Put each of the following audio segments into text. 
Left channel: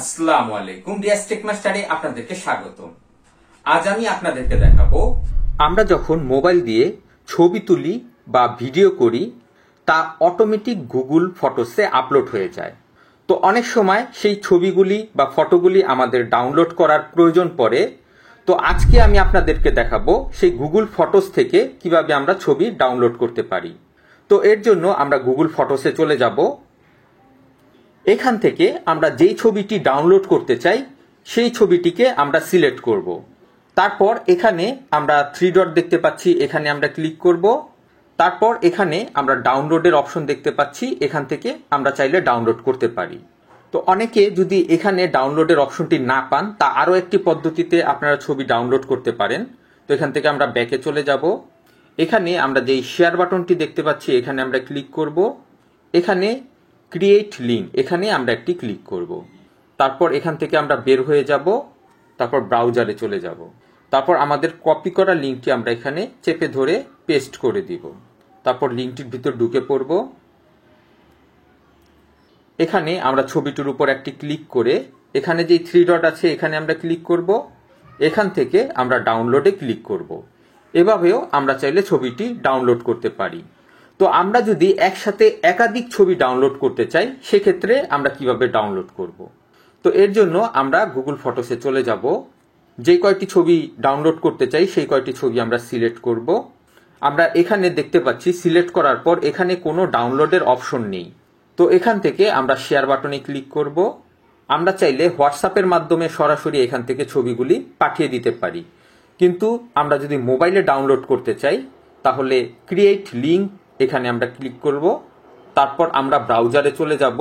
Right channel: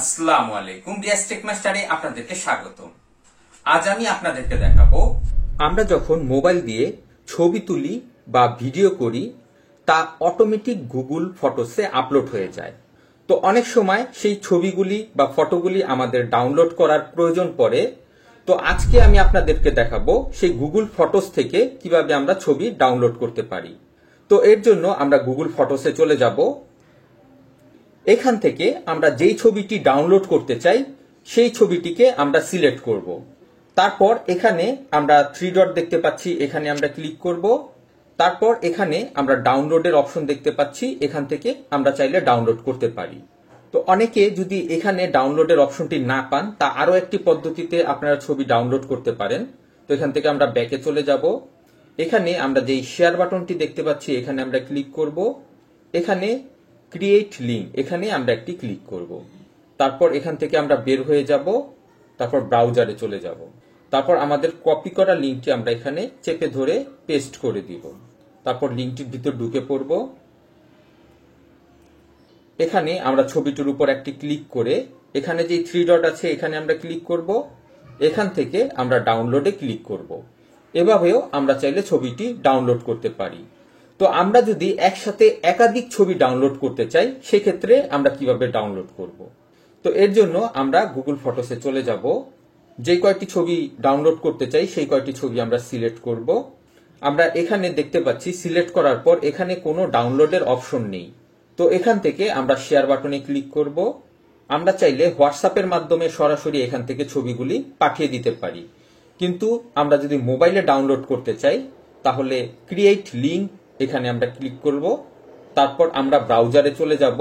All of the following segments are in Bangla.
আসসালামু আলাইকুম, রিয়াজ টেক মাস্টারে আপনাদেরকে স্বাগত। আজ আমি আপনাদেরকে দেখাবো আমরা যখন মোবাইল দিয়ে ছবি তুলি বা ভিডিও করি তা অটোমেটিক গুগল ফটোসে আপলোড হয়ে যায়। তো অনেক সময় সেই ছবিগুলি বা ফটোগুলি আমাদের ডাউনলোড করার প্রয়োজন পড়ে। তো আজকে আমি আপনাদেরকে দেখাবো সেই গুগল ফটোস থেকে কিভাবে আমরা ছবি ডাউনলোড করতে পারি। তো এর জন্য আমরা গুগল ফটোসে চলে যাব। এখান থেকে আমরা যেই ছবিটি ডাউনলোড করতে চাই সেই ছবিটিকে আমরা সিলেক্ট করব। তারপর এখানে আমরা 3 ডট দেখতে পাচ্ছি, এখানে আমরা ক্লিক করব। তারপর এখানে আমরা ডাউনলোডের অপশন দেখতে পাচ্ছি, এখান থেকে আমরা চাইলে ডাউনলোড করতে পারি। তো অনেকে যদি এখানে ডাউনলোডের অপশনটি না পান, তা আরো একটি পদ্ধতিতে আপনারা ছবি ডাউনলোড করতে পারেন। তো এখান থেকে আমরা ব্যাকে চলে যাব। এখানে আমরা যেই শেয়ার বাটনটি দেখতে পাচ্ছি এখানে আমরা ক্লিক করব। এখানে ক্রিয়েট লিঙ্ক, এখানে আমরা একটি ক্লিক করব। তারপর এখান থেকে আমরা বের হয়ে যাব। তারপর ব্রাউজারে চলে যাব। তারপর আমাদের কপি করা লিঙ্কটি আমরা এখানে চেপে ধরে পেস্ট করে দিব। তারপর লিঙ্কটির ভিতর ঢুকে পড়ব। এখানে আমরা ছবিটির উপর একটি ক্লিক করে এখানে যে 3 ডট আছে এখানে আমরা ক্লিক করব। এখান থেকে আমরা ডাউনলোডে ক্লিক করব। এভাবেও আমরা চাইলে ছবিটি ডাউনলোড করতে পারি। তো আমরা যদি একসাথে একাধিক ছবি ডাউনলোড করতে চাই সেক্ষেত্রে আমরা কিভাবে ডাউনলোড করব। তো এর জন্য আমরা গুগল ফটোসে চলে যাব। যে কয়টি ছবি ডাউনলোড করতে চাই সেই কয়টি ছবি আমরা সিলেক্ট করব। আমরা এখানে দেখতে পাচ্ছি সিলেক্ট করার পর এখানে কোনো ডাউনলোডের অপশন নেই। তো এখান থেকে আমরা শেয়ার বাটনে ক্লিক করব। আমরা চাইলে হোয়াটসঅ্যাপের মাধ্যমে সরাসরি এখান থেকে ছবিগুলি পাঠিয়ে দিতে পারি, কিন্তু আমরা যদি মোবাইলে ডাউনলোড করতে চাই তাহলে ক্রিয়েট লিঙ্ক, এখানে আমরা ক্লিক করব। তারপর আমরা ব্রাউজারে চলে যাব।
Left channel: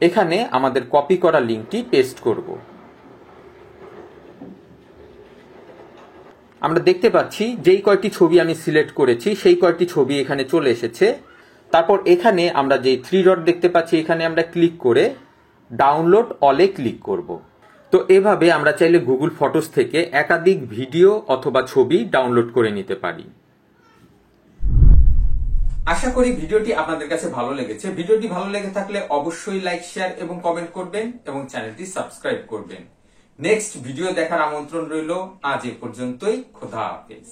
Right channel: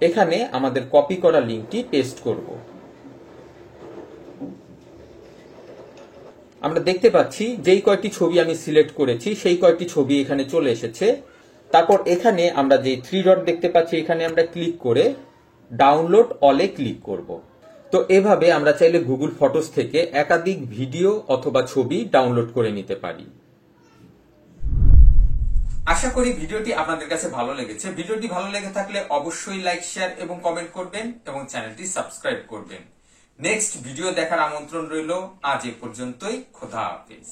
এখানে আমাদের কপি করা লিঙ্কটি পেস্ট করব। আমরা দেখতে পাচ্ছি যেই কয়টি ছবি আমি সিলেক্ট করেছি সেই কয়টি ছবি এখানে চলে এসেছে। তারপর এখানে আমরা যে 3 ডট দেখতে পাচ্ছি এখানে আমরা ক্লিক করে ডাউনলোড অলে ক্লিক করব। তো এভাবে আমরা চাইলে গুগল ফটোস থেকে একাধিক ভিডিও অথবা ছবি ডাউনলোড করে নিতে পারি। আশা করি ভিডিওটি আপনাদের কাছে ভালো লেগেছে। ভিডিওটি ভালো লেগে থাকলে অবশ্যই লাইক, শেয়ার এবং কমেন্ট করবেন এবং চ্যানেলটি সাবস্ক্রাইব করবেন। নেক্সট ভিডিও দেখার আমন্ত্রণ রইল। আজ এ পর্যন্তই। খোদা হাফেজ।